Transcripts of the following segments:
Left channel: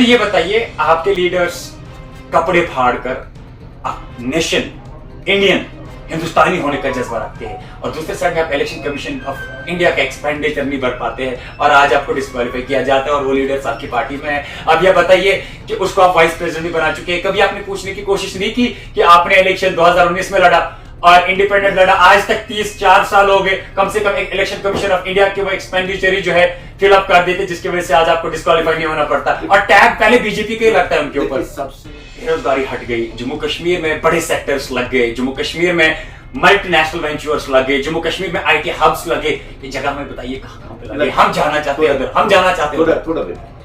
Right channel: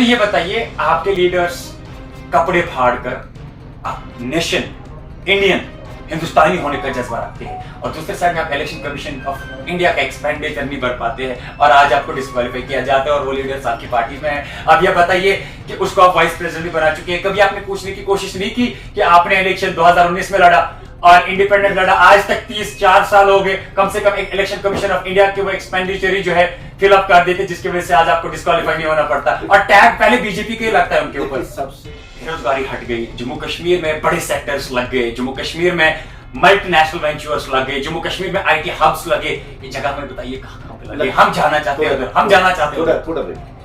मुझे ये बताइए, आपके लीडर्स कपड़े फाड़कर नेशन इंडियन हिंदुस्तानी होने का जज्बा रखते हैं और दूसरे साइड में आप इलेक्शन कमीशन ऑफ इंडिया का एक्सपेंडिचर नहीं भर पाते हैं और आज आपको डिस्क्वालीफाई किया जाता है और वो लीडर्स आपकी पार्टी में है। अब यह बताइए कि उसको आप वाइस प्रेसिडेंट भी बना चुके हैं। कभी आपने पूछने की कोशिश नहीं की कि आपने इलेक्शन 2019 में लड़ा और इंडिपेंडेंट लड़ा, आज तक 34 साल हो गए, कम से कम एक इलेक्शन कमीशन ऑफ इंडिया के वो एक्सपेंडिचर ही जो है फिलअप कर देते जिसकी वजह से आज आपको डिस्क्वालीफाई नहीं होना पड़ता और टैग पहले बीजेपी के ही लगता है उनके ऊपर। बेरोजगारी हट गई, जम्मू कश्मीर में बड़े सेक्टर्स लग गए, जम्मू कश्मीर में मल्टीनेशनल वेंचर्स लगे, जम्मू कश्मीर में आईटी हब्स लगे। ये जगह में बताइए कहां पे लगे? हम जाना चाहते हैं उधर, हम जाना चाहते हैं थोड़ा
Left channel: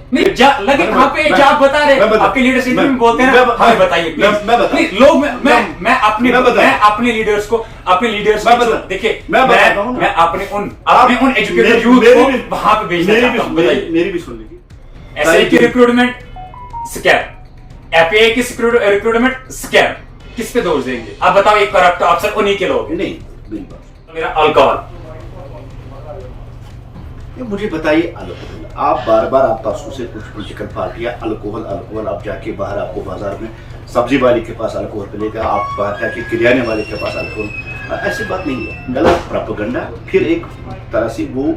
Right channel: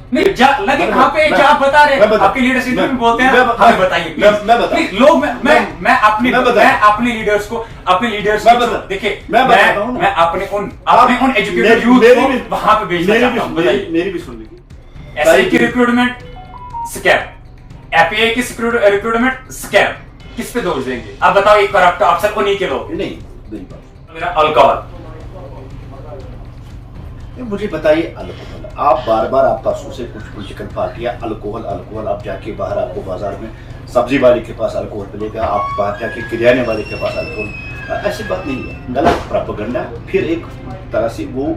नहीं लगे कहां पे? जो आप बता रहे आपके लीडर्स इंटरव्यू में बोलते हैं ना, हमें बताइए प्लीज। लोग मैं अपने लीडर्स को देखिए, मैं अपने उन एजुकेटेड यूथ को वहां पे भेजना चाहता हूं। बताइए, मेरी भी सुन लीजिए। एसआई की रिक्रूटमेंट स्कैम, एपीआई की रिक्रूटमेंट स्कैम, किस पे दोष देंगे आप? बताओ, एक करप्ट अफसर उन्हीं के लोग नहीं बिल्कुल। मेरा अल्कोहल, मुझे बताइए अल्कोहल, आप बार बार आप परसों से कुछ पॉलिटिकल पार्टियां अल्कोहल आप जाके बाहर आपको बाजार में सब्जी वाले के पास अल्कोहल मिलेगा, आप बाहर जाके किराने वाले के पास अल्कोहल, ऐसी बात नहीं है, गलत प्रोपेगेंडा। फिर एक तरह से वो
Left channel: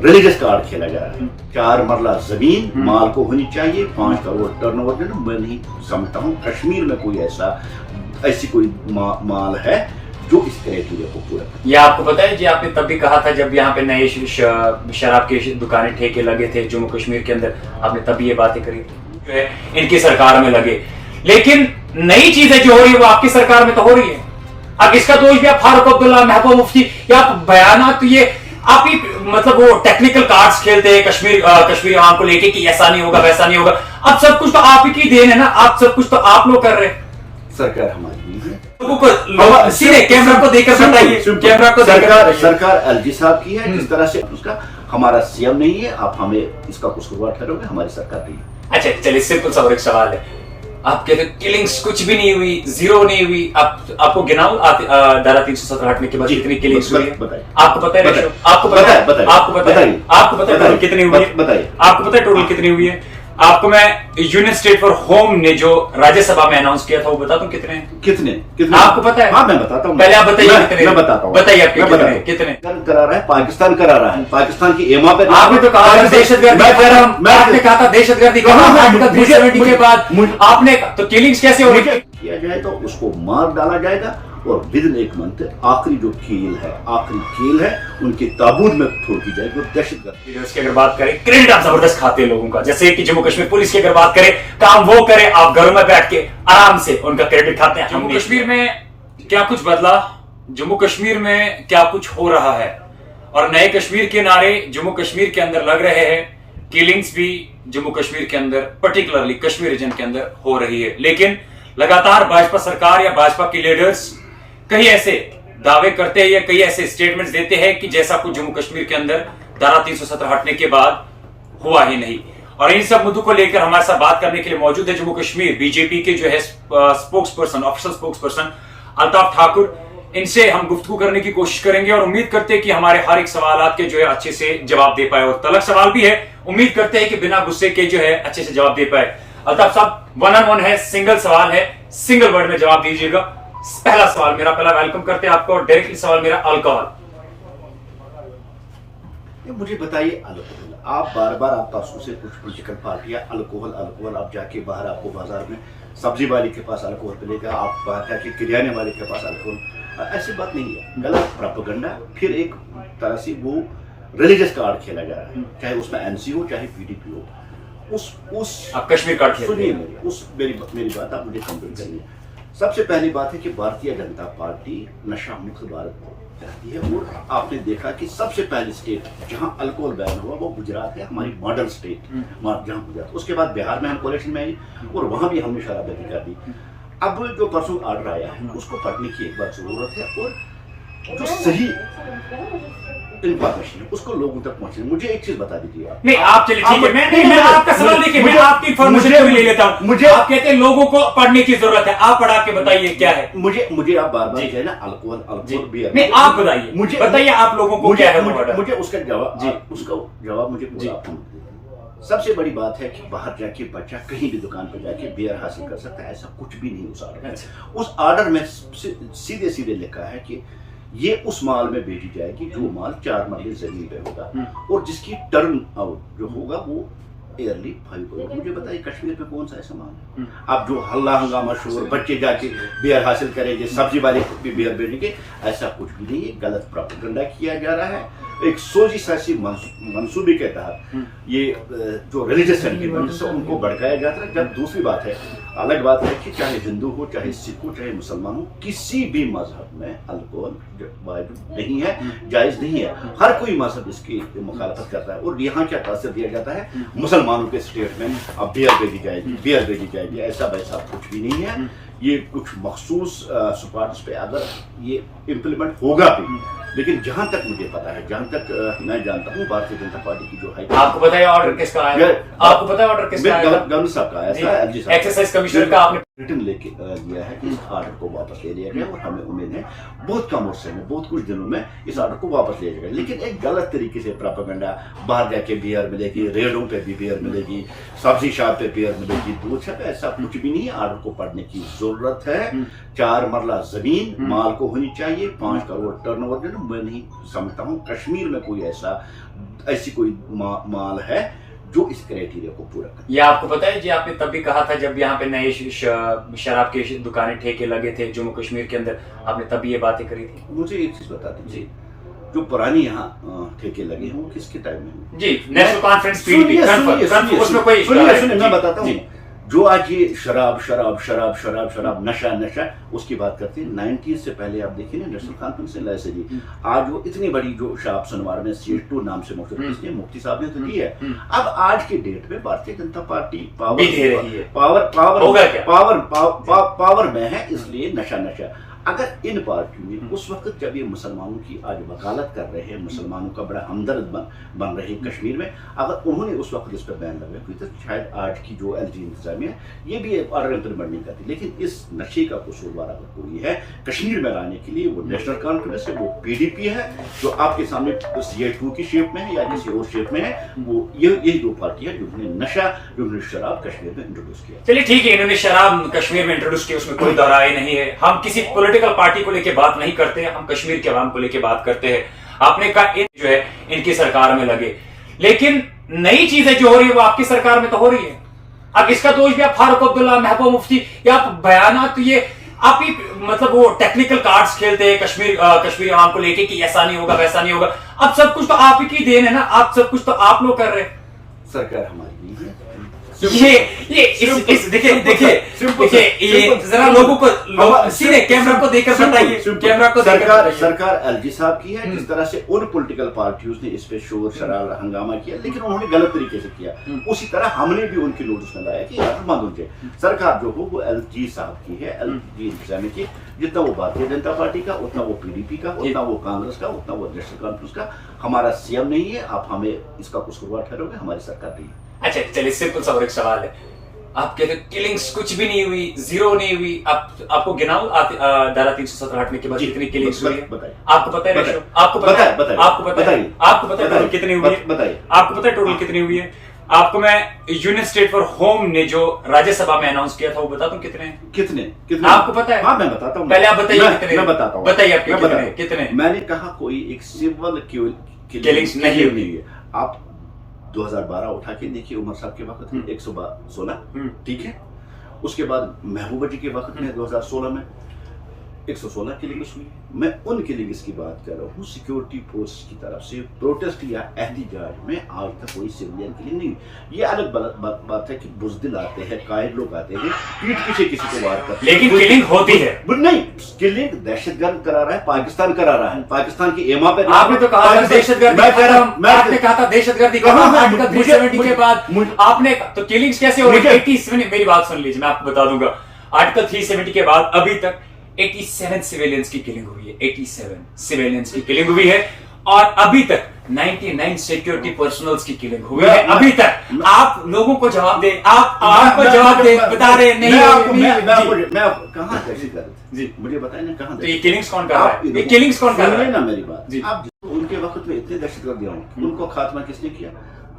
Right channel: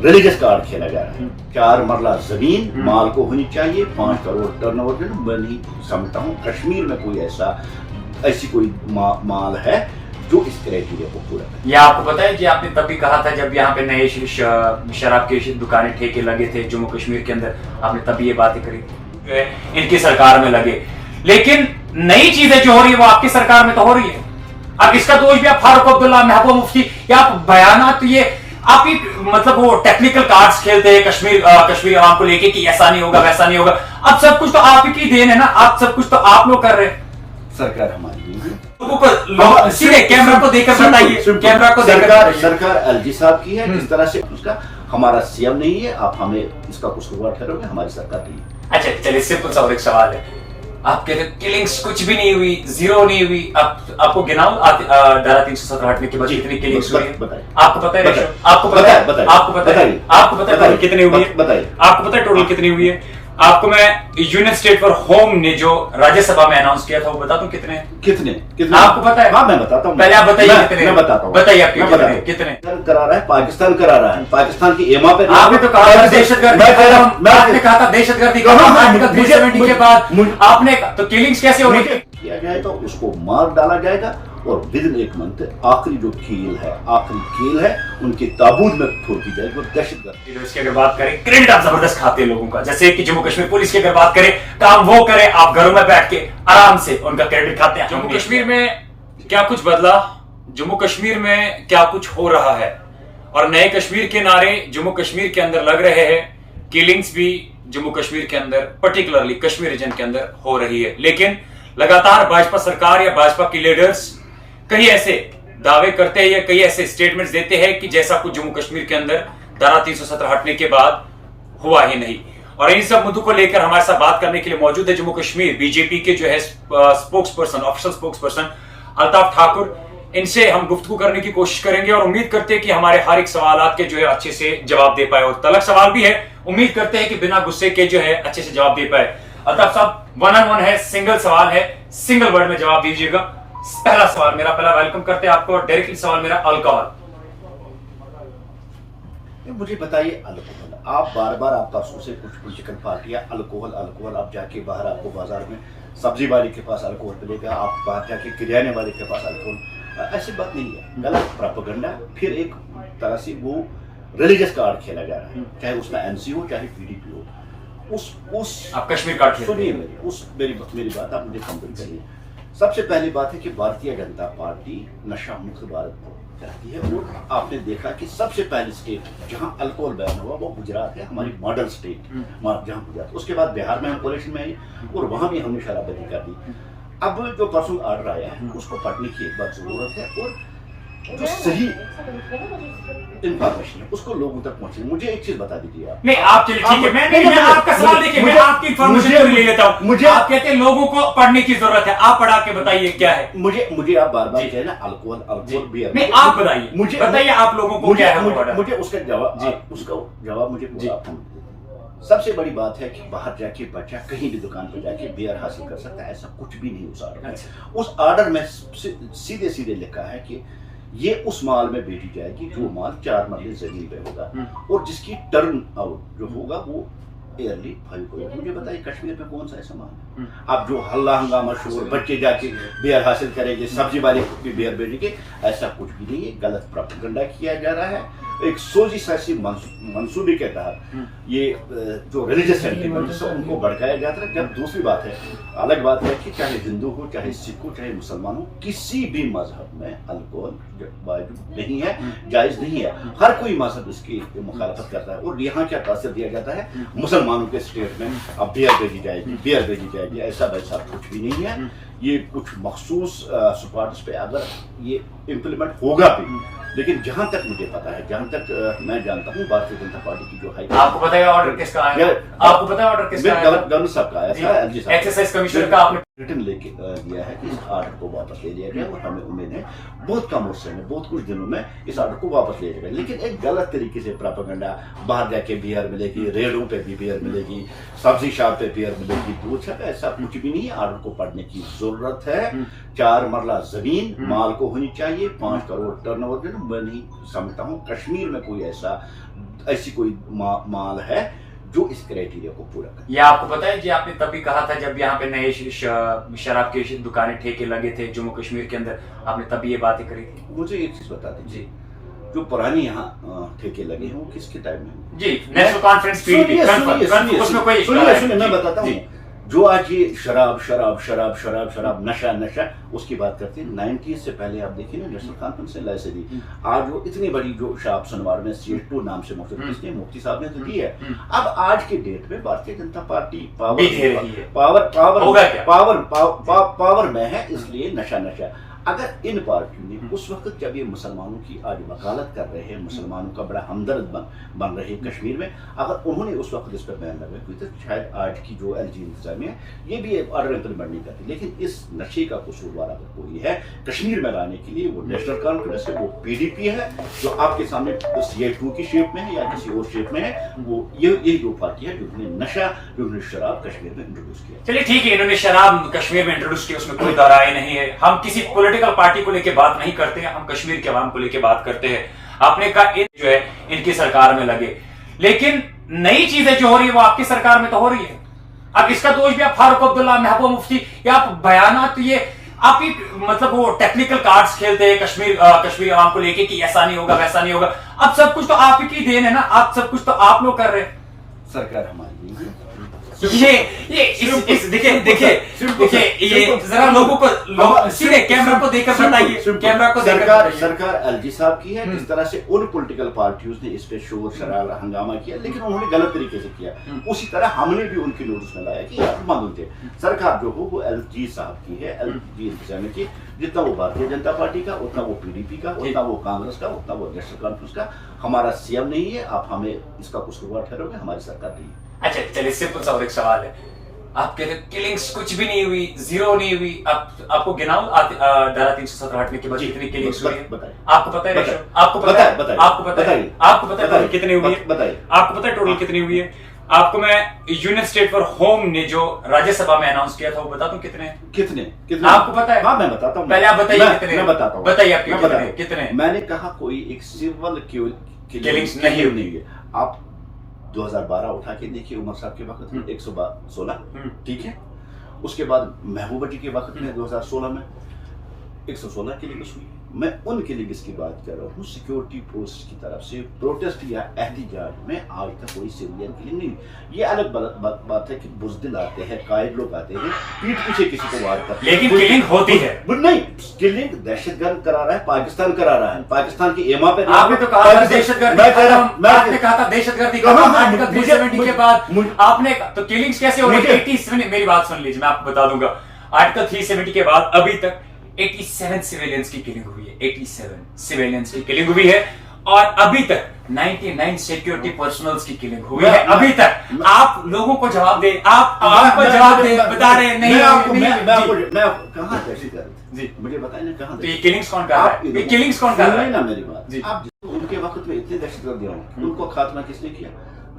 रिलीजियस कार्ड खेला जा रहा है। 4 मरला जमीन माल को होनी चाहिए, 5 करोड़ टर्नओवर। मैं नहीं समझता हूँ कश्मीर में कोई ऐसी कोई माल है जो इस क्राइटेरिया को पूरा। ये आपको पता है जी, आपने तब भी कहा था जब यहाँ पे नए शराब के दुकानें ठेके लगे थे जम्मू कश्मीर के अंदर, आपने तभी ये बातें करी इनकी सरकार में लगे। लेकिन नई चीजें जो हो रही है वो आपकी सरकार में तो हो रही है। अब इसका दोष भी आप फारूक अब्दुल्ला, महबूबा मुफ्ती या आप बयानात, तो ये आप मतलब वो टेक्निकल कार्ड्स खेलते हैं कश्मीरी आवाम को लेके कि ऐसा नहीं होगा वैसा नहीं होगा। अब सब कुछ तो आप ही की देन है ना, आप सब कुछ तो आप लोग कर रहे हैं। सरकार हमारी नहीं है, लोगों को सीधे कैमरा को देखकर बताइए, कैमरा को सरकार एलजी साहब की है, जिस तरह से उसका हमारा सीएम नहीं है, आप हमें इसका कसूरवार ठहरोगे, हमारी सरकार नहीं है। अच्छा चलिए, सिंपल सा और एक सवाल है, आप कहते हैं किलिंग्स कुछ भी नहीं हुई, जीरो नहीं हुई, आपको गिनाओ धारा 370 हटने के बाद कितनी किलिंग्स हुई है? आपको पता है? आपको पता है टोटल कितनी हुई है? बताइए, आपको पता है टोटल कितनी हुई है? आपको मैं यूनियन स्टेट फॉर होम ने जो राज्यसभा में अनाउंस किया था वो बता दूं कितने आपको पता है? हाँ, मैं बताता हूँ। पहले आप बताइए कितने। मैं बताता हूँ, बताइए आपके कितने करा रहा है? पाकिस्तान करा रहा है, पाकिस्तान की एमा पे। आपने तो कहा था दहशतगर्दी, आपने कहा था दहशतगर्दी के बाद आपने तो किलिंग्स कैसे हो रही किया जाएगा, उसको मार डाला जाएगा और विदिन 1 मंथ आखिरी जो खेल है उनके ताबूत में छोड़ दी जाएगी। दहशतगर्द लीडर्स की अगर बात करें, क्रेडिट आप जबरदस्त खाते हैं लोगों का, जैसे कि जम्मू कश्मीर पुलिस की अगर बात करें, काम वो करे, आप घरों में बैठ के आराम से उनका क्रेडिट खाते हैं। जम्मू कश्मीर में क्या कुछ बदला, जम्मू कश्मीर में क्या कुछ हो रहा है और नए कश्मीर के नारे जम्मू कश्मीर के अंदर लग रहे हैं, किलिंग्स भी जम्मू कश्मीर के अंदर पर्टिकुलरली कश्मीर रीजन के अंदर हो रही है। लेकिन लगातार भाजपा सरकार या भाजपा के लीडर्स कई ऐसे दावे करते हैं या कई ऐसे स्टेटमेंट्स देते हैं कि जैसा कुछ जम्मू कश्मीर के अंदर धारा 370 हटने के बाद हुआ ही नहीं। और इन सब मुद्दों को लेकर हमारे साथ बात करने के लिए मौजूद है जम्मू कश्मीर बीजेपी के जो है spokes person, official spokes person Altaf Thakur. इनसे हम गुफ्तगू करने की कोशिश करेंगे और उम्मीद करते हैं कि हमारे हर एक सवाल के जो है अच्छे से जवाब दे पाए और तलक सवाल भी है, उम्मीद करते हैं कि बिना गुस्से के जो है अच्छे से जवाब दे पाए। अल्ताफ साहब, 1-on-1 है, सिंगल सवाल है, सिंगल वर्ड में जवाब दीजिएगा। पहला सवाल मेरा, पहला वेलकम करते हैं आपको और डायरेक्टली सवाल मेरा, अल्कोहल। मुझे बताइए अल्कोहल, आप बार आप परसों से कुछ पॉलिटिकल पार्टियां अल्कोहल आप जाके बाहर आपको बाजार में सब्जी वाले के पास अल्कोहल मिलेगा, आप बाहर जाके किराने वाले के पास अल्कोहल, ऐसी बात नहीं है, गलत प्रोपेगेंडा। फिर एक तरह से वो रिलीजियस कार्ड खेला जा रहा है, चाहे उसमें एनसी हो चाहे पीडीपी हो। उस आप कश्मीर कार्ड सुनिए, मेरी बात आप मुझे कंप्लीट करिए। सबसे पहली बात है कि भारतीय जनता पार्टी नशा मुक्त भारत को चाहती है और आपने देखा कि सबसे पहली स्टेट जहां अल्कोहल बैन हुआ वो गुजरात है, हमारी मॉडल स्टेट जहां गुजरात। उसके बाद बिहार में हम कोलेक्शन में आई और वहां भी हमने शराबबंदी कर दी। अब जो परसों ऑर्डर आया है उसको पढ़ने की एक बार जरूरत है और जो सही इंफॉर्मेशन है उसको लोगों तक पहुंचे। मुझे एक चीज बता दीजिए आप। नहीं, आप चलिए ठीक है, मैं आपका सवाल देखिए, मैं आपकी इंफॉर्मेशन पूरी ले लेता हूं। मुझे आप कहते हैं लोगों को पढ़ने की जरूरत है, आप पढ़ा के बताइए क्या है। मुझे आप बार कहे ना अल्कोहल बियर, नहीं आप बताइए, मुझे बताइए आप लोगों को क्या है। मुझे उसका जवाब मुझे पूरा सबसे बड़ी बात है कि बाहर जाके बच्चा कहीं भी दुकान पर जाके बियर हासिल कर सकता है, ऐसा कुछ भी नहीं उस ऑर्डर में। उस ऑर्डर में सीधे सीधे लिखा है कि ये उस माल में बेची जाएगी जो माल 4 मरले जमीन पे होगा और जिसकी टर्न आउट जो होगा वो ईयरली 5 करोड़। मुझे बताइए कश्मीर में कौन सा ऐसा माल है? अब जो हल्ला हंगामा शोर, बच्चे जाके बियर हासिल करेंगे, सब्जी वाले भी बियर बेचेंगे, ऐसा कुछ भी नहीं है। गलत प्रोपेगेंडा किया जा रहा है एक सोची सासी मंसूबे के तहत। ये जो रिलीजियस सेंटिमेंट है उनको भड़काया जाता है। जब दूसरी बात है, अलग बात है कि चाहे हिंदू हो, चाहे सिख हो, चाहे मुसलमान हो, किसी भी मजहब में अल्कोहल वाजिब नहीं है, जायज नहीं है। हर कोई मजहब इसकी मुखालफत करता है और यहाँ क्या तासर दिया जाता है मुसलमानों के स्टेट में, अब बियर भेजी जाएगी, बियर भेजी जाएगी, ऐसा वैसा कुछ भी नहीं है। ये कुछ मखसूस स्पॉट्स पे अगर ये इम्प्लीमेंट होगा भी, लेकिन जहां तक मुझे पता है, जहां तक मैं जानता हूँ, भारतीय जनता पार्टी की जो है, आपको पता है ऑर्डर किसका आया? आपको पता है ऑर्डर किसका आया? गवर्नर साहब का आया था, एलजी साहब, एक्साइज कमिश्नर का। आपने रिटर्न लेके दिया है कि इस ऑर्डर को वापस ले लिया जाए और हमें उम्मीद है बहुत कम अर्से में, बहुत कुछ दिनों में इस ऑर्डर को वापस लिया जाएगा। लेकिन एक गलत तरीके से प्रोपेगेंडा, बाहर जाके बियर मिलेगी, रेडों पे भी बियर मिलेगी, सब्जी शॉप पे बियर मिलेगी, दूध शॉप, ऐसा कुछ भी नहीं है। ऑर्डर को पढ़ने की जरूरत है। 4 मरला जमीन माल को होनी चाहिए, 5 करोड़ टर्नओवर। मैं नहीं समझता हूँ कश्मीर में कोई ऐसी कोई माल है जो इस क्राइटेरिया को पूरा करे। ये आपको पता है जी, आपने तब भी कहा था जब यहाँ पे नए शराब के दुकानें ठेके लगे थे जम्मू कश्मीर के अंदर, आपने तब भी ये बातें करी थी। मुझे एक चीज बता दीजिए, जो पुरानी यहाँ ठेके लगे हैं वो किसके टाइम में? जी, नेशनल कॉन्फ्रेंस पीडीपी, उसमें कोई सुनिए, मैं बताता हूँ। जो आज ये शराब शराब शराब शराब शराब नशा नशा उसकी बात करते हैं, 90s से पहले आप देखिए ना, नेशनल कॉन्फ्रेंस से लाइसे दी, आज वो इतनी बड़ी जो शराब सनवार में CH2 नाम से मशहूर है, इसने मुफ्ती साहब ने तो दी है। अब आज के डेट में भारतीय जनता पार्टी पावर में है, इसलिए नशा नशा। अगर इन पार्टियों ने उस वक्त जब ये मुसलमानों की आज वकालत कर रहे हैं, मुसलमानों का बड़ा हमदर्द बन रहे हैं कश्मीर में, अगर उन्होंने उस वक्त इस पर बैन लगाया कोई, तो शायद आज की जो एलजी इंतजामिया ये भी एक ऑर्डर इम्प्लीमेंट नहीं करती। लेकिन इस नशे का कसूरवार अगर कोई है कश्मीर में लाने के लिए, वो नेशनल कॉन्फ्रेंस है, वो PDP है, जो आपके सामने CH2 की शेप में है या किसी और शेप में है, वो ये दो पार्टी है जिन्होंने नशा, जिन्होंने शराब कश्मीर में इंट्रोड्यूस किया। चलिए ठीक है, इन्होंने शराब कश्मीर में इंट्रोड्यूस किया, उसमें कोई दरार नहीं है। हम किसी पॉलिटिकल पार्टी को लेके बात नहीं करते हैं, हम कश्मीर के अवाम को लेके बात करते हैं। आपने कहा जो है इनकी सरकार में लगे, लेकिन नई चीजें जो हो रही है वो आपकी सरकार में तो हो रही है। अब इसका दोष भी आप फारूक अब्दुल्ला, महबूबा मुफ्ती या आप बयानात, तो ये आप ही मतलब वो टेक्निकल कार्ड्स खेलते हैं कश्मीरी अवाम को लेके कि ऐसा नहीं होगा वैसा नहीं होगा। अब सब कुछ तो आप ही की देन है ना, आप सब कुछ तो आप लोग कर रहे हैं, सरकार हमारी नहीं है। देखिए ये जरा लोगों को सीधे कैमरा को देखकर बताइए, कैमरा को सरकार एलजी साहब की है। जिस तरह से उन पॉलिटिकल पार्टियों ने इस पे शोर शराब हंगामा किया, लेकिन उन्होंने गलत तरीके से किया, उसी तरह हमने भी उनकी नोटिस में लाया कि उनसे सरकार जो हो वो एलजी साहब की है, एलजी इंतजामिया की। जितना वो भारतीय जनता पार्टी का, उतना वो PDP का, उतना वो कांग्रेस का, उतना वो नेशनल कॉन्फ्रेंस का। हमारा CM नहीं है, आप हमें इसका कसूरवार ठहरोगे, हमारी सरकार नहीं है। अच्छा चलिए, सिंपल सा और एक सवाल है, आप कहते हैं किलिंग्स कुछ भी नहीं हुई, जीरो नहीं हुई, आपको गिनाओ धारा 317 हटने के बाद कितनी किलिंग्स हुई है? आपको पता है? आपको पता है? आपको पता है? आपको पता है टोटल कितनी हुई है? बताइए। आपको पता है टोटल कितनी हुई है? आपको मैं यूनियन स्टेट फॉर होम ने जो राज्यसभा में अनाउंस किया था वो बता दूं कितने आपको पता है? हाँ मैं बताता हूँ, पहले आप बताइए कितने। मैं बताता हूँ, बताइए आपके कितने। मैंने कहा कोई एक सिविल किलिंग्स नहीं हुई है। आप 2012 उठा के देखिए, उमर साहब के वक्त में 116, ठीक है। उसके बाद महबूबा जी के वक्त में 2016 में 116 किलिंग्स हुई। मैं उन किलिंग्स की बात कर रहा हूँ सिक्योरिटी फोर्स की तरफ से प्रोटेस्ट या एहतजाज में, आज तक कोई सिविलियन किलिंग नहीं। ये अलग बात है कि बुजदिल आते हैं, कायर लोग आते हैं, पीठ पीछे किसी को वार करते हैं, लेकिन किलिंग होती है नहीं। किलिंग दहशतगर्द करा रहा है पाकिस्तान, करा रहा है पाकिस्तान की एमा पे। आपने तो कहा था दहशतगर्द, आपने कहा था दहशतगर्दी आर्टिकल 370 के बाद आपने तो किलिंग्स कैसे हो रही है? मेरी बात सुन लीजिए, मैं आपको बता दूंगा। आर्टिकल 370 के बाद अभी तक 87 सिविलियंस की किलिंग हुई है, 87 सिविलियंस की किलिंग हुई है, और अभी तक 99 सिक्योरिटी पर्सनल्स की किलिंग हुई है अभी तक। आप लोगों को जवाब दे, आप आवाम को जवाब दे, बता रहे नहीं। मैं कहाँ दहशतगर्द जी, मुझे बताए ना कहाँ। तो ये किलिंग्स कौन कर रहा है? ये किलिंग्स कौन कर रहा है? ना मेरी बात जी, आप उनके वक्त में इतने दहशतगर्द हों, उनको खात्मा किसने किया?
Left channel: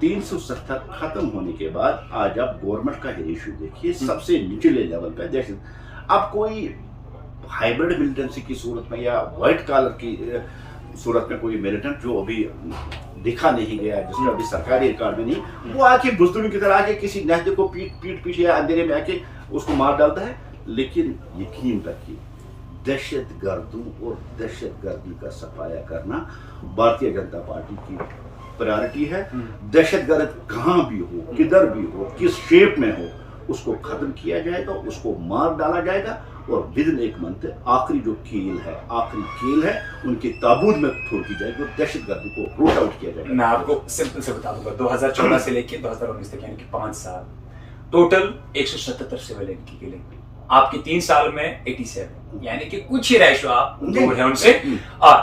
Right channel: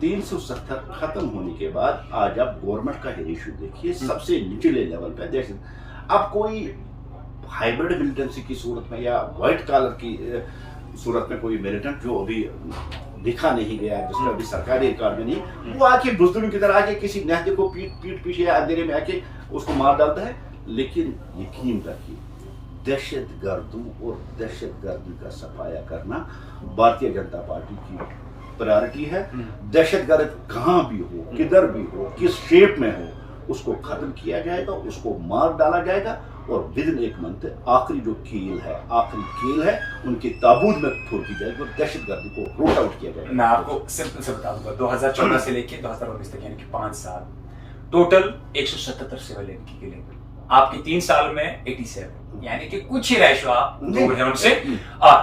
370 खत्म होने के बाद आज आप गवर्नमेंट का रेशियो देखिए, सबसे निचले लेवल पे देश। अब कोई हाइब्रिड मिलिटेंसी की सूरत में या व्हाइट कॉलर की सूरत में कोई मिलिटेंट जो अभी दिखा नहीं गया, जिसमें अभी सरकारी रिकॉर्ड में नहीं, वो आके बुजदुलों की तरह आके किसी नहदे को पीट पीट या अंधेरे में आके उसको मार डालता है। लेकिन यकीन रखिए, दहशतगर्दों और दहशतगर्दी का सफाया करना भारतीय जनता पार्टी की प्रायोरिटी है। दहशतगर्द कहां भी हो, किधर भी हो, किस शेप में हो, उसको खत्म किया जाएगा, उसको मार डाला जाएगा और विदिन एक मंथ आखिरी जो आखिरी कील है उनके ताबूत में छोड़ दी जाएगी और दहशतगर्दी को रूट आउट किया जाएगा। मैं आपको सिंपल से बता दूंगा, 2014 से लेकर 2019 तक यानी कि 5 साल टोटल 177 सिविल की किलिंग, आपके 3 साल में 87, यानी कि कुछ ही रेशो आप दूर है उनसे। और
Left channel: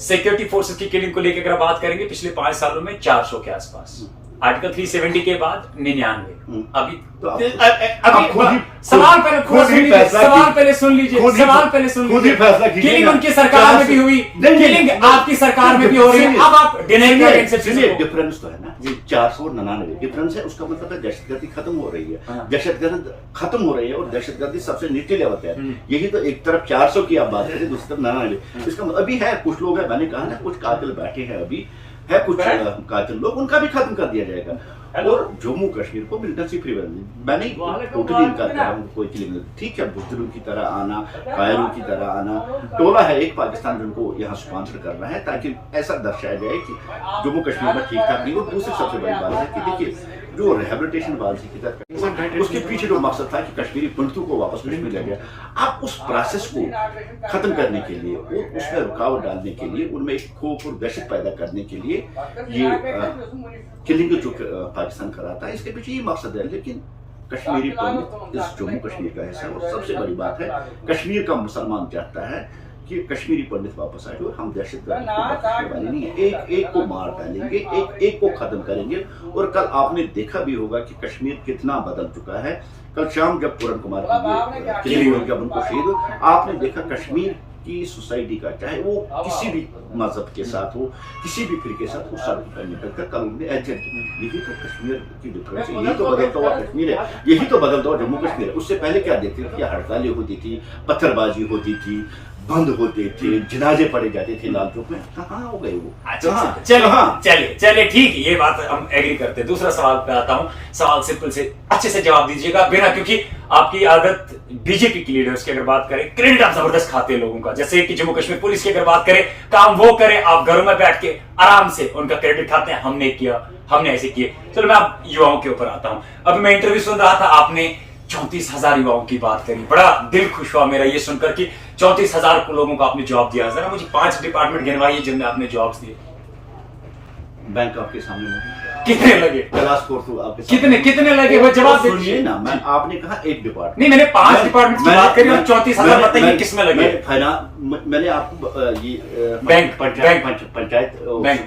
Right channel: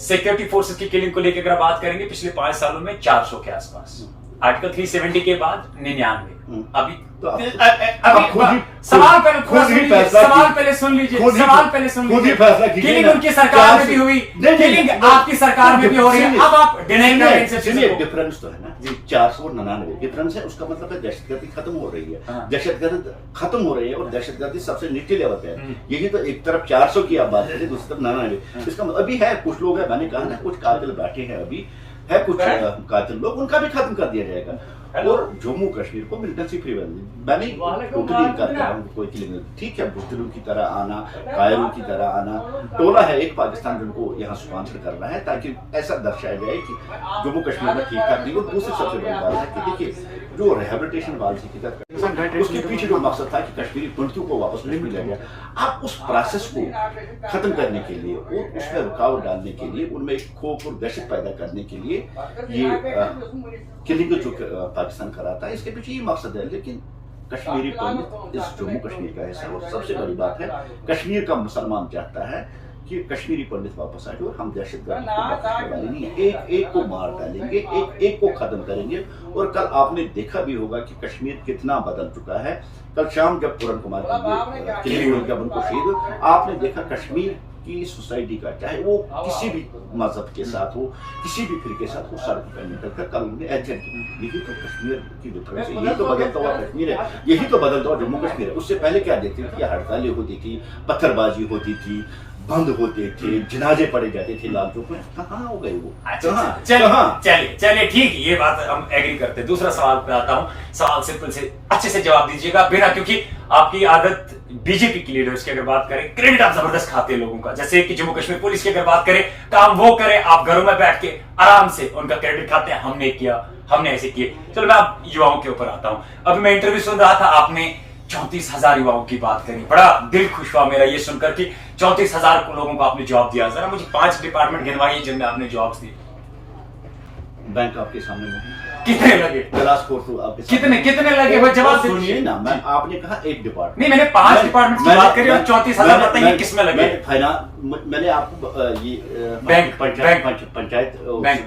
सिक्योरिटी फोर्सेस की किलिंग को लेकर अगर बात करेंगे पिछले 5 सालों में 400 के आसपास, आर्टिकल 370 के बाद 99। अभी तो अभी सवाल पहले सुन लीजिए, सवाल पहले सुन लीजिए। किलिंग उनकी सरकार में भी हुई, किलिंग आपकी सरकार में भी हो रही है। अब आप डिनाई कर रहे हैं। डिफरेंस तो है ना जी, 499 डिफरेंस है। उसका मतलब है दहशतगर्दी खत्म हो रही है, दहशतगर्द खत्म हो रही है और दहशतगर्दी सबसे नीचे लेवल पे है। यही तो एक तरफ 400 की आप बात करें, दूसरी तरफ 99। इसका मतलब अभी है कुछ लोग है, मैंने कहा ना कुछ कातिल बैठे हैं, अभी है कुछ कातिल लोग, उनका भी खत्म कर दिया जाएगा। और जम्मू कश्मीर को मिलिटेंसी फ्री मैंने टोटली इनकार कर रहा हूँ, कोई किलिंग नहीं। ठीक है, बुजदिलों की तरह आना, कायरों की तरह आना, टोला है एक पाकिस्तान जिनको यहाँ स्पॉन्सर कर रहा है ताकि ऐसा दर्शाया जाए कि जम्मू कश्मीर में ठीक ठाक नहीं। और दूसरी सबसे बड़ी बात है कि देखिए जो रिहेबिलिटेशन पॉलिसी की तरह उसके पीछे जो मकसद था कि कश्मीरी पंडितों को वापस कश्मीर ले गया, आप उस प्रोसेस को खत्म करने के लिए और उसमें रुकावट डालने के लिए, उनमें एक खौफ और दहशत पैदा करने के लिए ये किलिंग जो पाकिस्तान कराता है, इसके पीछे ये मकसद है। लेकिन कश्मीरी पंडित इस जम्मू कश्मीर का हिस्सा है और सबसे बड़ी बात है कश्मीर का मुसलमान चाहता है कि कश्मीरी पंडित वापस आए और हम दहशतगर्द को बख्शने वाले नहीं है। एक एक को मार डालेंगे, एक को खत्म करेंगे। और कल आपने देखा भी होगा कि कश्मीर कितना बदल चुका है। कल शाम जब पूरन कुमार की किलिंग जब उनको शहीद, आपने देखा कश्मीर की सोसाइटी का, चाहे वो किसी भी मजहब के साथ हो, किसी भी फिर के साथ, उस सड़क पर निकलकर कल उन्होंने एहतियात की। यही तो कश्मीर की डिफरेंस है, यही तो बदलता हुआ कश्मीर है, यही तो बदलता हुआ जम्मू कश्मीर है। उससे पहले क्या देखते थे कि हड़तालें होती थी, पत्थरबाजी होती थी, बंद होते थे, जनाजे पड़े जाते थे लाल चौक में। कहाँ हो गए वो? चलिए ठीक है, ये बात हम एग्री करते हैं। दूसरा सवाल पे आता हूँ। सवाल सिंपल से अच्छे से जवाब दीजिएगा बिना, क्योंकि आपकी आदत बीजेपी की लीडर्स की अगर बात करें, क्रेडिट आप जबरदस्त खाते हैं लोगों का। जैसे कि जम्मू कश्मीर पुलिस की अगर बात करें, काम वो करे, आप घरों में बैठ के आराम से उनका क्रेडिट खाते हैं, हमने किया, हमने ऐसे किए। चलो मैं आप युवाओं के ऊपर आता हूं। अभी मैं इंटरव्यू सुन रहा था, आपने 34,000 युवाओं की बात करी, बड़ा दिल खुश हुआ मेरा ये सुनकर कि 34,000 लोगों को आपने जॉब दिया। जरा मुझे 5 डिपार्टमेंट गिनवाइए जिनमें आपने जॉब्स दिए। बैंक आपके सामने मौजूद, कितने लगे? क्लास 4 आपके कितने लगे? वो जवाब सुनिए ना, मैं आपने कहा एक डिपार्टमेंट नहीं, मैंने 5 डिपार्टमेंट की बात करी और 34,000 बताइए किसमें लगे? मैंने आपको ये बैंक पंचायत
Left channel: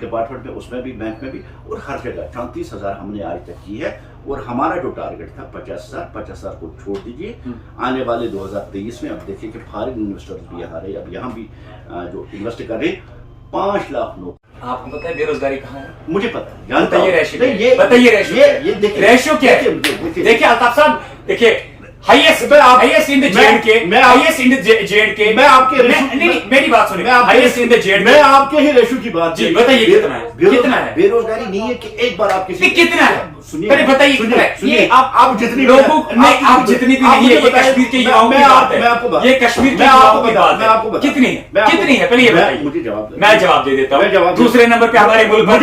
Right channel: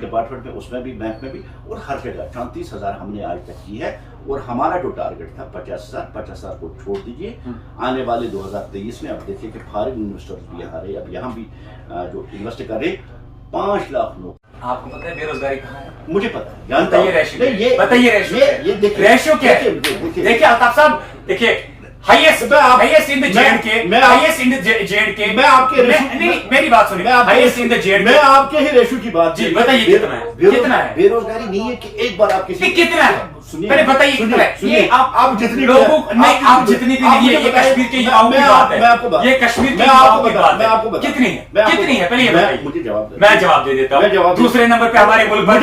डिपार्टमेंट में, उसमें भी, बैंक में भी, और हर जगह 34,000 हमने आज तक की है। और हमारा जो टारगेट था 50,000 को छोड़ दीजिए। आने वाले 2023 में अब देखिए कि फॉरेन इन्वेस्टर्स भी आ रहे, अब यहाँ भी जो इन्वेस्ट कर रहे, 5 लाख लोग। आपको पता है बेरोजगारी कहाँ है? मुझे पता है, जानता हूं। बताइए रेशियो क्या है? देखिए अल्ताफ साहब, देखिए highest in the J&K, highest in the J&K. मैं आपके नहीं, मेरी बात सुनिए, हाईएस्ट इन द जेएंडके। मैं आपके ही रेशियो की बात जी बताइए, कितना है? कितना है? बेरोजगारी नहीं है कि एक बार आप किसी कितना है? पहले बताइए कितना है? ये आप जितनी लोगों नहीं, आप जितनी भी नहीं है, ये कश्मीर के युवाओं की बात है, ये कश्मीर के युवाओं की बात है। कितनी है? कितनी है? पहले ये बताइए, मुझे जवाब। मैं जवाब दे देता हूँ। दूसरे नंबर पे हमारे मुल्क भर,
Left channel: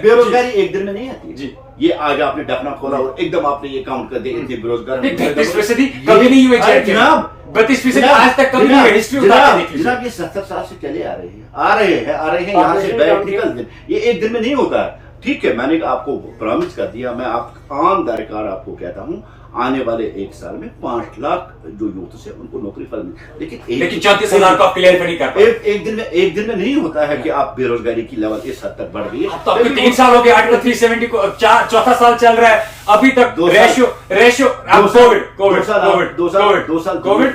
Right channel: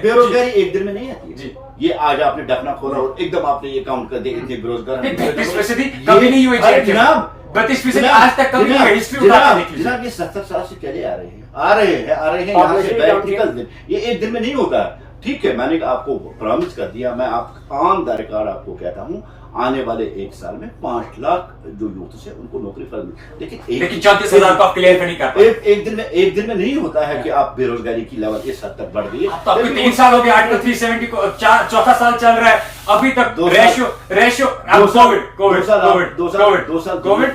बेरोजगारी एक दिन में नहीं आती जी। ये आज आपने ढकना खोला और एकदम आपने ये काउंट कर दिया, इतने बेरोजगार 33% कभी नहीं हुए जनाब, 32% आज तक कभी नहीं हुए। हिस्ट्री उठा के देख लीजिए जनाब, ये 70 साल से चले आ रहे हैं यहाँ से बैठ निकल दिन, ये एक दिन में नहीं होता है। ठीक है, मैंने आपको प्रॉमिस कर दिया, मैं आप ऑन द रिकॉर्ड आपको कहता हूँ, आने वाले 1 साल में 5 लाख जो यूथ है उनको नौकरी फल मिले। लेकिन 34,000 को आप क्लियर नहीं कर पाए। एक दिन में नहीं होता है कि आप बेरोजगारी की लेवल इस हद तक बढ़ गई है। तो आपके 3 साल हो गए, आर्टिकल 370 को 4था साल चल रहा है, अभी तक रेशियो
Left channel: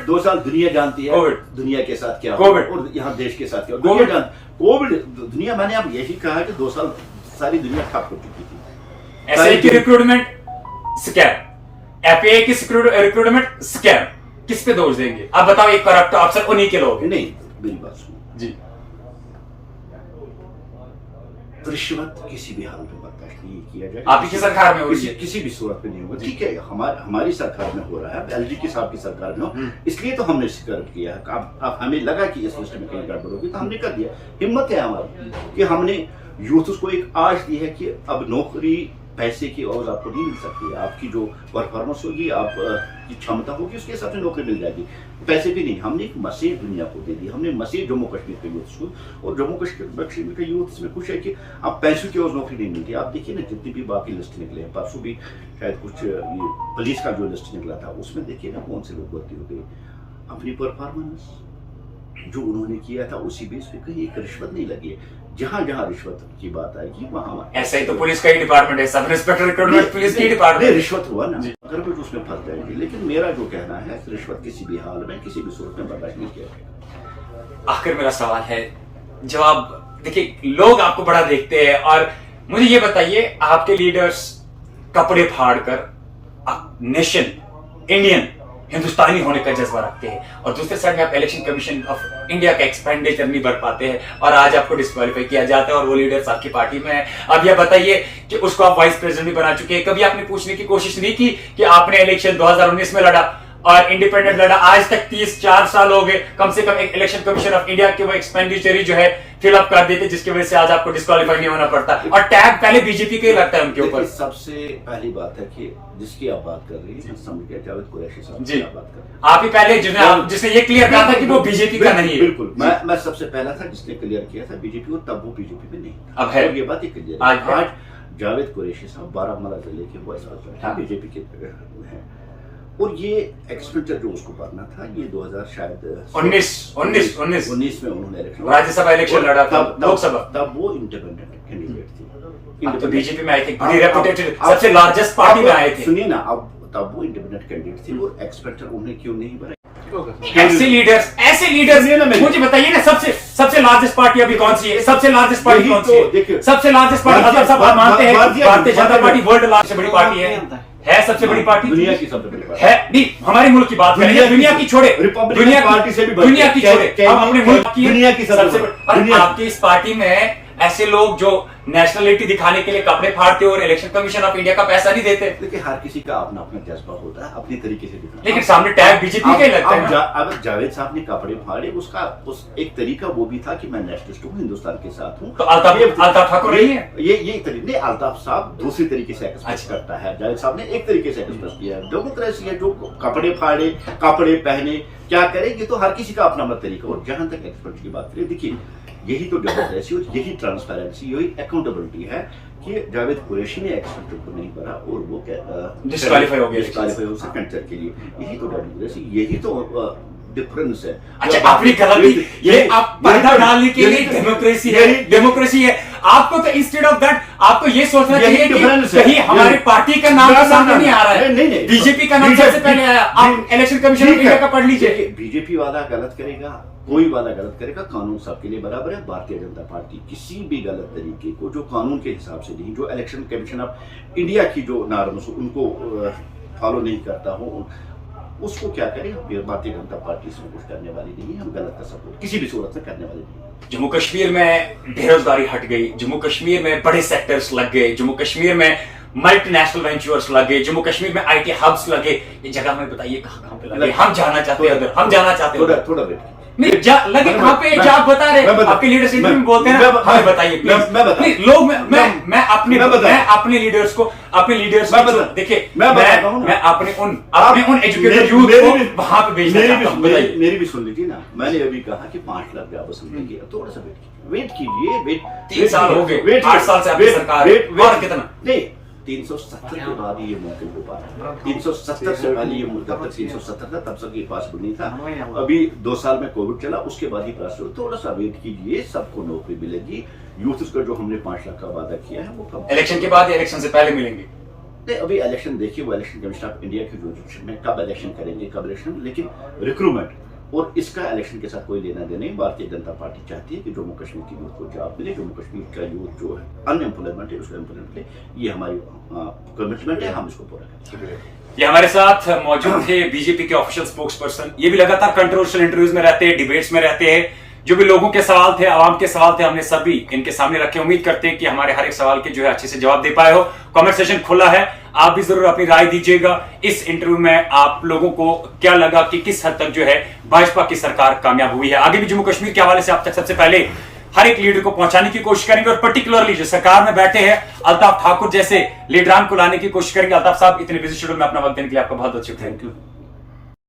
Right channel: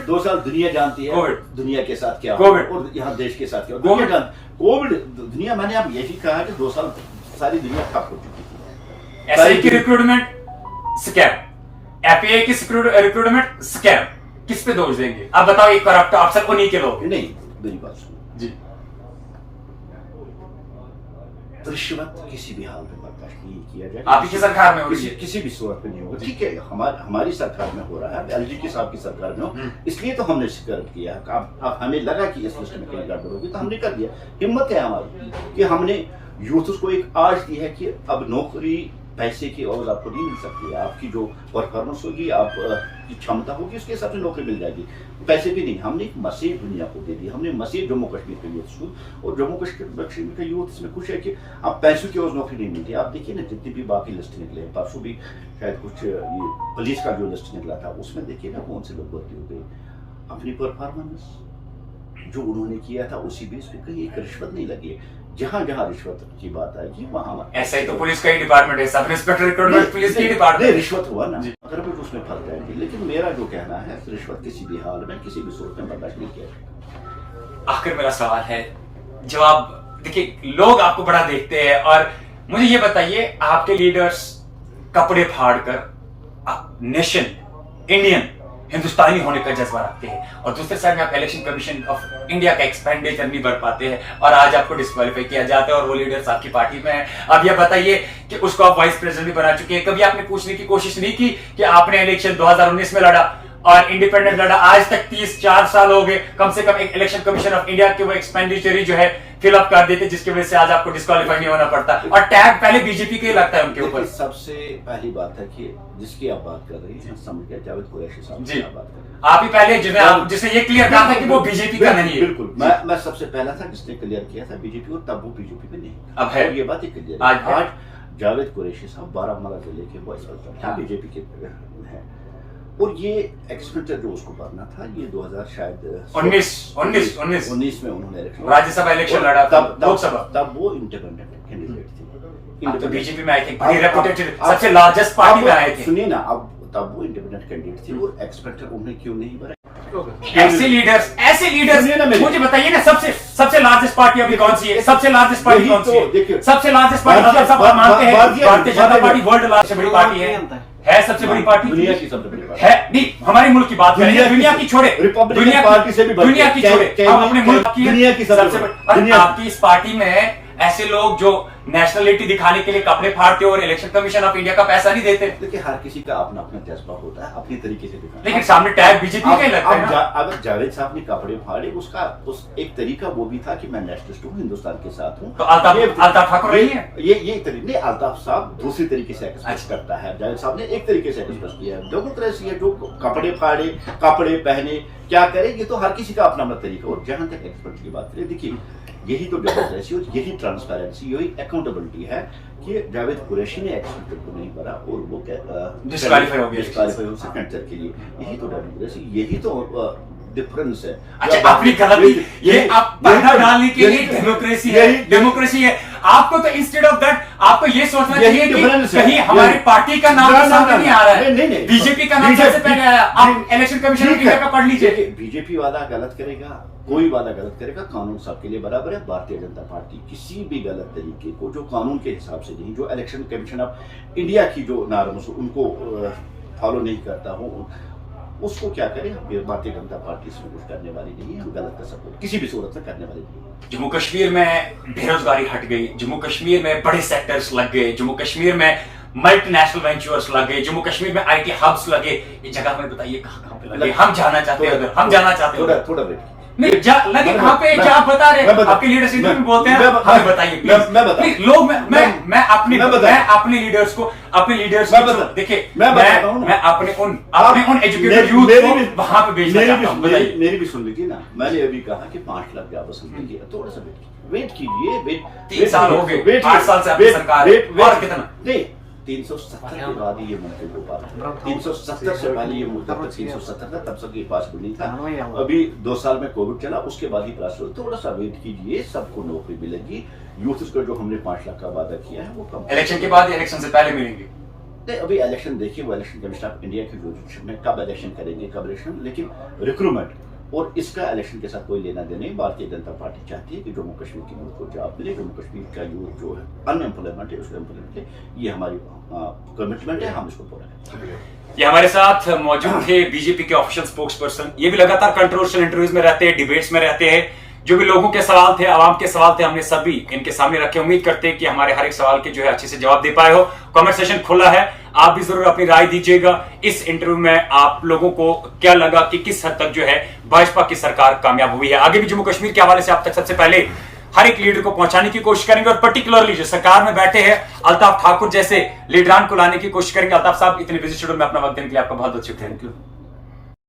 2 साल दुनिया जानती है दुनिया के साथ क्या कोविड और यहाँ देश के साथ क्या कोविड। दुनिया, मैंने अब यही कहा कि 2 साल सारी दुनिया ठप हो चुकी थी। एसआई की रिक्रूटमेंट स्कैम, एफआई की रिक्रूटमेंट स्कैम, किस पे दोष देंगे आप बताओ? एक करप्ट अफसर उन्हीं के लोग हैं। नहीं, मेरी बात सुनो जी, रिश्वत किसी भी हाल में बर्दाश्त नहीं किया जाए। आप ही की सरकार में हो रही है। किसी भी सूरत में नहीं होगा। ठीक है, हमारी सरकार में हो रहा है, एलजी के साहब की सरकार में हो, इसलिए तो हमने शिकायत किया है। अब हमें लगा कि इस लिस्ट में कहीं गड़बड़ होगी तो हमने कर दिया। हिम्मत है हमारी कि हमने यूथ को एक आश दी है कि अब नौकरी पैसे की और आपको नहीं मिल सकती है। आपकी जो परफॉर्मेंस होगी, आप की क्षमता होगी, उसके हिसाब से नौकरी मिल जाएगी। पैसे भी नहीं, हमने एक मैसेज दुनिया को दे दी। हमने मैसेज जम्मू कश्मीर के यूथ को, और जम्मू कश्मीर का यूथ इसमें खुश है कि अब पैसों की और नौकरी नहीं मिलती। आप देखिए ना, जितनी भी बाकी लिस्ट निकले हैं, परसों भी शायद कुछ ये पुलिस का जो लिस्ट निकला था, उसमें देखिए ना कौन से लोग भर्ती हो गए। अपनी परफॉर्मेंस जो उन्होंने किया था उसी बेस पे कहीं एक रिश्वत नहीं लगी है। जहां जहां रिश्वत की बात आएगी वहां ऐसा ही तो पुलिस का ही डिपार्टमेंट है, सब इंस्पेक्टर रिक्रूटमेंट पुलिस की डिपार्टमेंट। रिश्वत हुआ ना, अगर भी उसमें फंस जाएगी। लेकिन मेरा जो कहना है, रिश्वत किसी भी हाल में किसी भी सूरत में बर्दाश्त नहीं किया जाएगा। आखिर मेरा सवाल है, जवाब देखिए, लोग आपको बड़ा देखते हैं, और मुझे ये बताइए, आपके लीडर्स कपड़े फाड़ कर नेशन इंडियन हिंदुस्तानी होने का जज्बा रखते हैं, और दूसरे साइड में आप इलेक्शन कमीशन ऑफ इंडिया का एक्सपेंडिचर नहीं भर पाते हैं, और आज आपको डिस्क्वालीफाई किया जाता है, और वो लीडर्स आपकी पार्टी में है। अब ये बताइए कि उसको आप वाइस प्रेसिडेंट भी बना चुके हैं। कभी आपने पूछने की कोशिश नहीं की कि आपने इलेक्शन 2019 में लड़ा और इंडिपेंडेंट लड़ा, आज तक 34 साल हो गए, कम से कम एक इलेक्शन कमीशन ऑफ इंडिया के वो एक्सपेंडिचर जो है फिलअप कर देते, जिसकी वजह से आज आपको डिस्क्वालीफाई नहीं होना पड़ता, और टैग पहले बीजेपी के ही लगता है उनके ऊपर। सबसे पहली बात है कि जिसकी आप बात कर रही हैं, समझ गया, जावेद कुरैशी साहब जी, की बात कर रहे हैं। आप ही पहले जिसने ये क्लियर कहा था कि वो बीजेपी का नहीं है। बिल्कुल, मैं सबसे पहला था जिसने क्लियर किया था बीजेपी को, तब वो बीजेपी में नहीं था। अब है, ये बात ही क्लियर है। आज जावेद कुरैशी साहब बारामूला जिले के वाइस प्रेसिडेंट बीजेपी के हैं, और ये एक्सपेंडिचर जो उसको भरना था, ये 2000 शायद 19 में उन्होंने इलेक्शन, राज्यसभा इलेक्शन लड़ा था, लोकसभा, तब वो इंडिपेंडेंट कैंडिडेट थी। अब तो बीजेपी में आई थी, रेपुटेड सबसे लार्जेस्ट पार्टी में आए थे। सुनिए ना, अब तब वो इंडिपेंडेंट कैंडिडेट थी, और एक्सपेक्टर उन्हें क्यों नहीं भरा? ऐसे लीडर्स मुझे बताइए ना, सबसे लार्जेस्ट पार्टी अभी कौन सी है? सबसे लार्जेस्ट पार्टी कौन सी है? सबसे लार्जेस्ट पार्टी मतलब सब मानते हैं भारतीय जनता पार्टी वर्ल्ड सबसे बड़ी पार्टी है सबसे बड़ी पार्टी, दुनिया की सबसे बड़ी पार्टी है। नहीं, हमारे मुल्क की बात करेंगे, दुनिया की छोड़े, दुनिया पार्टी से भी दुनिया की छोड़े, हम अपने मुल्क की दुनिया की सबसे बड़ी। आपकी इस पार्टी में ऐसे लोग जो नेशनलिटी दिखाने के लिए कपड़े फाड़ते और इलेक्शन कमीशन ऑफ इंडिया का पैसा नहीं देते। देखिए, हर किसी का अपना अपना जज्बा होता है, अपनी तरीके से दिखाना। लेकिन सामने टैग बीजेपी के लगता है ना। अगर जावेद साहब ने कपड़े फाड़े, उसका एक तरीका वो भी था कि मैं नेशनलिस्ट हूँ, हिंदुस्तान के साथ हूँ। तो अल्ताफ ठाकुर रही है ये तरीके नहीं, अल्ताफ साहब दूसरी तरीके से एक्सप्रेस करता है, जावेद साहब ने एक तरीके से एक्सप्रेस किया है। डेमोक्रेसी है, जो कपड़े फाड़े, कपड़े पहने, क्या करेंगे, तो हर किसी का अपना अपना तरीका। और जहां तक एक्सपर्ट की बात करें, देखिए, यही तो डेमोक्रेसी और यही ट्रांसपेरेंसी, यही अकाउंटेबिलिटी है कि जावेद कुरैशी ने एक्सपेक्टेड को नहीं भरा और वो डिस्क्वालीफाई हो गया सेकेंड के लिए। यही तो डेमोक्रेसी, यही तो डिफरेंस है। अच्छा, अपनी गलती ये आप पर्दा डालने के लिए डेमोक्रेसी है। आपको तो इंस्टेड ऑफ दैट आपको ये सोचना चाहिए कि कहीं हमारी पार्टी का नाम तो सामने नहीं आ रहा है, बीजेपी का नाम सबसे पहले आया। आप इलेक्शन कमीशन ऑफ इंडिया का पढ़ लीजिए। बीजेपी वाला गलत करेगा, कोई वाला गलत करेगा, कानून सबके लिए बराबर है। भारतीय जनता पार्टी किसी भी गलत तरीके को, जो कानून के हिसाब से नहीं, जो इलेक्शन कमीशन ऑफ इंडिया की जो नॉर्म्स उनको फॉलो नहीं करता हो, उसको क्या करें। भारतीय जनता पार्टी इसमें कुछ करने वाली नहीं है, हम गलत का सपोर्ट किसी भी सूरत में करने वाली नहीं है। जम्मू कश्मीर में बेरोजगारी हट गई, जम्मू कश्मीर में बड़े सेक्टर्स लग गए, जम्मू कश्मीर में मल्टीनेशनल वेंचर्स लगे, जम्मू कश्मीर में आईटी हब्स लगे। ये जगह में बताइए कहां पे लगे? हम जाना चाहते हैं उधर, हम जाना चाहते हैं। थोड़ा वेट नहीं लगे कहां पे? जो आप बता रहे, आपके लीडर्स इंटरव्यू में बोलते हैं ना, हमें बताइए प्लीज। लोग मैं अपने लीडर्स को देखिए, मैं अपने उन एजुकेटेड यूथ को वहां पे भेजना चाहता हूं। बताइए, मेरी भी सुन लीजिए ना। मैंने अभी कहा कि 5 लाख जॉब मिलेंगे, थोड़ा सा वेट कीजिए। 3 साल हो गए, 8 साल से आपकी सरकार, और कितना नहीं, 370 के बाद ये मुमकिन हो पा रहा है। 370 से पहले ये मुद्दा तक 370 था, तब तक ये पॉसिबल नहीं था। अभी 2 साल में कोविड चला, उसके बाद ही पॉसिबल। थोड़ा सा वेट कीजिए, सबको नौकरी मिलेगी। यूथ का जो हमने 5 लाख का वादा किया है वो कम। इलेक्शन के बाद या इलेक्शन से पहले मिलेंगे? नहीं, अभी इलेक्शन देखिए, वो इलेक्शन कमीशन ऑफ इंडिया की जुरिडिक्शन में कब इलेक्शन करेंगे, कब इलेक्शन। लेकिन रिक्रूटमेंट और इसका इलेक्शन के साथ कोई लेना देना नहीं। भारतीय जनता पार्टी चाहती है कि जम्मू कश्मीर की यूथ को जॉब मिले, जम्मू कश्मीर का यूथ जो है अनएम्प्लॉयमेंट है उसको एम्प्लॉयमेंट मिले। ये हमारी कमिटमेंट है, हम इसको पूरा करेंगे। ये हमारे साथ मौजूद थे बीजेपी के ऑफिशियल स्पोक्स पर्सन। ये भी लगातार कंट्रोवर्शियल इंटरव्यूज में रहते हैं, डिबेट्स में रहते हैं। जो भी लोगों के सवाल थे, आवाम के सवाल थे, हमने सभी इनके सामने रखे। उम्मीद करते हैं कि हमारे हर एक सवाल के जो है अच्छे से जवाब दे पाए हो। कमेंट सेशन खुला है, आप भी जरूर अपनी राय दीजिएगा। इस इंटरव्यू में आप लोगों को क्या लगा कि किस हद तक जो है भाजपा की सरकार कामयाब हुई है। आगे भी जम्मू कश्मीर के हवाले से आप तक सबसे पहले हर एक लीडर को पहुंचाने की कोशिश करेंगे और पर्टिकुलरली जो सरकार में बैठे हैं अल्ताफ ठाकुर जैसे लीडरान को लाने की कोशिश करेंगे। अल्ताफ साहब, इतने बिजी शेड्यूल में अपना वक्त देने के लिए आपका बहुत बहुत शुक्रिया। Thank you.